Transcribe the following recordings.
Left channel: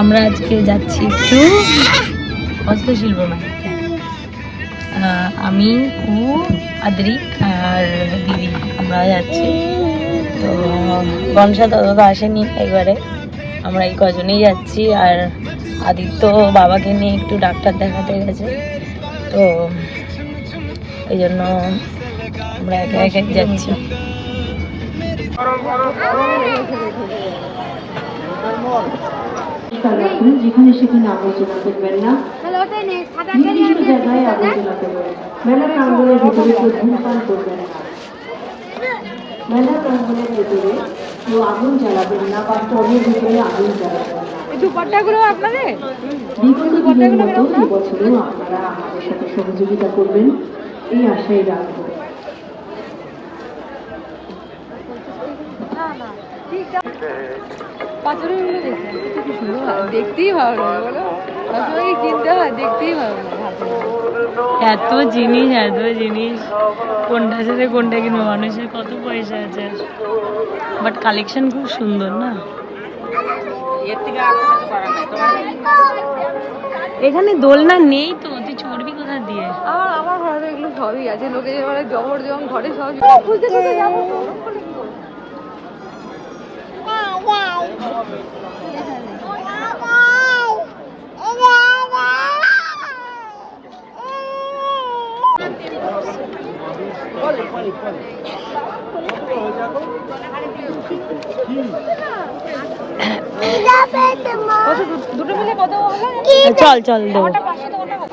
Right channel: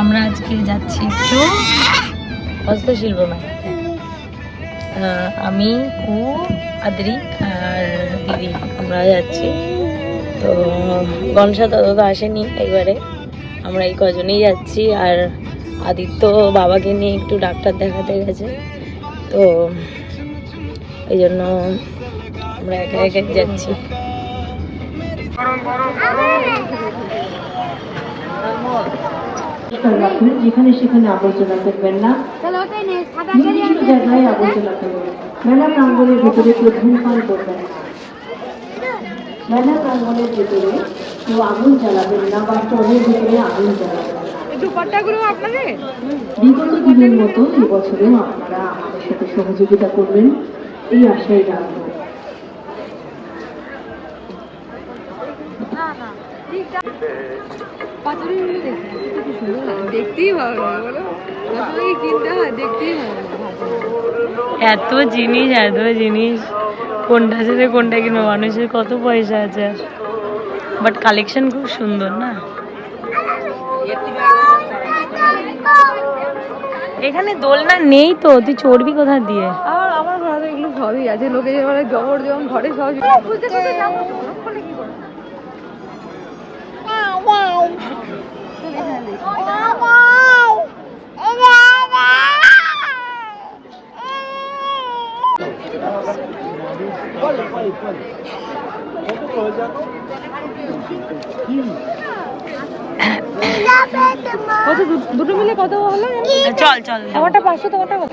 আমরা আজকে যাচ্ছি একটু হস্তশিল্প মেলাতে। আমি আদ্রি আর দিদি আমরা যাচ্ছি। তো গমসা দাদা তো আসেনি এবারে, আমরা এই কজনেই যাচ্ছি। আর আদিত্য বাবাকে নিয়ে একটু ডাক্তার দেখাতে গেছে, তো এই জন্য আমরা একে একে যাচ্ছি। যেখানে সেখানে আবর্জনা করবেন না, নির্দিষ্ট জায়গায় আবর্জনা করবেন। মেলা প্রাঙ্গণের ভেতরে কেউ ধূমপান করবেন না। মেলা প্রাঙ্গণের ভেতরে কেউ আগুন জ্বালাবেন না বা স্টোভের ভিতরে আগুন জ্বালাবেন না। বিগত দিনের মতো এবছরেও আপনারা আমাদের সাথে সহযোগিতা করবেন, এই আশাই রাখবো। দেখতেই ভালো লাগে, বলো কিনতে হয়, দেখতেই ভালো লাগে। এত জিনিস কোনটা সাথে কোনটা কিনবো, মানুষের কত পয়সা আছে। বাট কালেকশন খুব সুন্দর না। এখানে দোলনা নেই তো, তুই চড়বি কোথা দিয়ে? আমার ঘরে এগুলো সবই আছে, লোকে যে মানে জবর যেমন ঘরে সব খুঁজতে যাবো। দুটো মিলে কত হলো? চল ওটা 500 টাকা।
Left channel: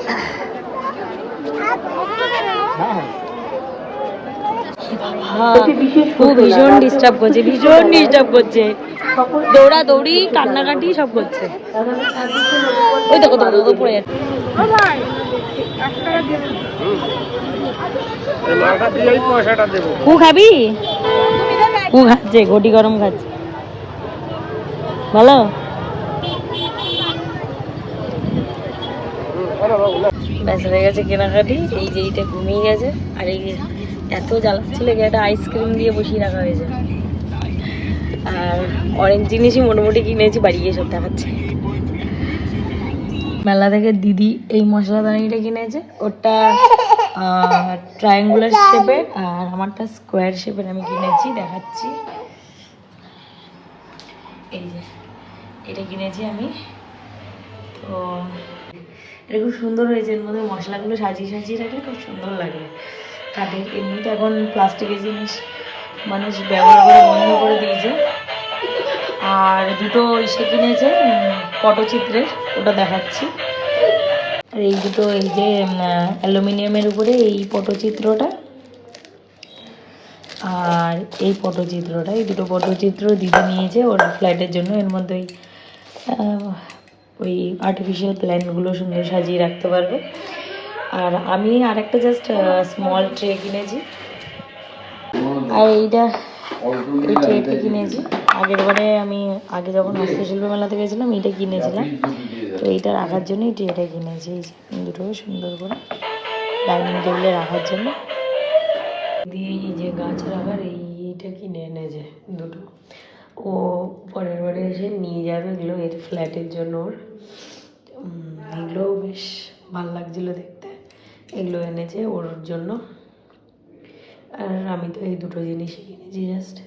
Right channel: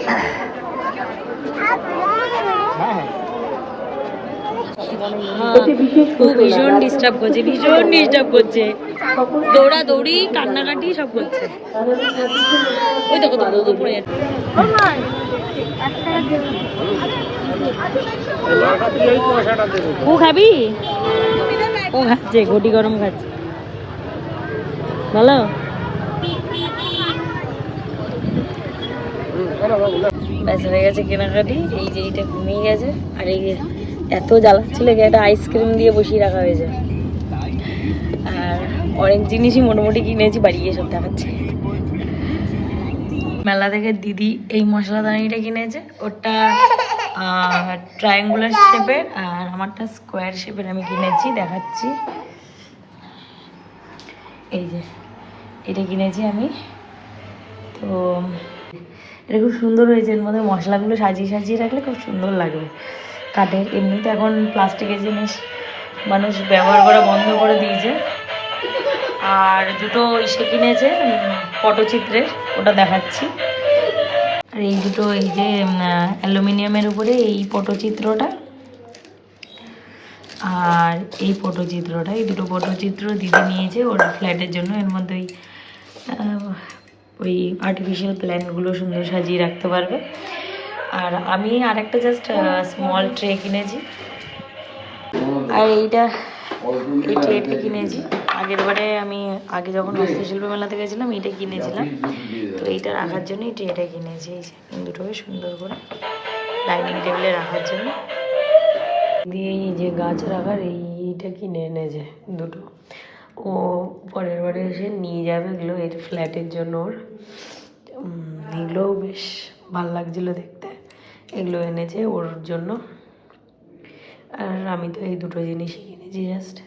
ভীষণ ডিস্টার্ব করছে, দৌড়াদৌড়ি কান্নাকাটি সব করছে। ওই দেখো তো পড়ে যাচ্ছে। খাবি? খাচ্ছে, ঘটি গরম খাচ্ছে। ভালো। ব্যাস হয়ে গেছে কেনাকাটি। এই যে এইটা ঘুমিয়ে গেছে, আর এই এত জ্বালাচ্ছিল যে একটা আইসক্রিম দিয়ে বসিয়ে রাখা হয়েছে। আর অনেক জিনিসই মোটামুটি কিনেছি, বাড়ি গিয়ে সব দেখাচ্ছে। মেলা থেকে দিদি এই মশলাদানিটা কিনেছে, ওটা ট্রায়াঙ্গুলার শেপের আর আমারটা স্কোয়ার শেপের আমি কিনেছি, দেখাচ্ছি। এই যে এটা কিনেছি আমি, তো এটা খুব সুন্দর হয়েছে। এর মধ্যে মশলাগুলো সাজিয়ে রাখলে খুব সুন্দর লাগবে। কাঠের, এমনিতে এখন প্লাস্টিকের জিনিস মানুষ ব্যবহার করা বন্ধ করে দিয়েছে। আর দুটো ইসে কিনেছে পটচিত্রের, ওটা দেখাচ্ছি। আর এই দুটো, এই যে অ্যালুমিনিয়ামের উপরে এই পটচিত্রটা আর এই পটচিত্রটা, এই দুটো পটচিত্র দিদি নিয়েছে ওর ফ্ল্যাটের জন্য। এর মধ্যে ওই আর্টিফিশিয়াল প্ল্যান্টগুলো সুন্দর সাজিয়ে রাখতে পারবে। আর আমি আরেকটা জাস্ট স্মল ট্রে কিনেছি। আর এই ট্রেটা কিনেছি আগের বারে, আমি আগে যখন হস্তশিল্প মেলাতে গেছিলাম এইটা কিনেছিলাম। তো এইটা রাখার জন্য এই ট্রেটা কিনেছি। এই যে দুটোকে সুন্দর করে ডাইনিং টেবিলে রাখার জন্য। দিয়ে এই যে গাছ রাখার এইটা কিনে এনেছে দুটো। ও পরের বারে এসে নিয়ে যাবে এগুলো এর ফ্ল্যাটের জন্য। ওর এগুলোও বেশ ভালো লাগছিলো দেখতে, এগুলো এনেছে ওর জন্য। আর আমি তো এই দুটো জিনিসই কিনেছি জাস্ট।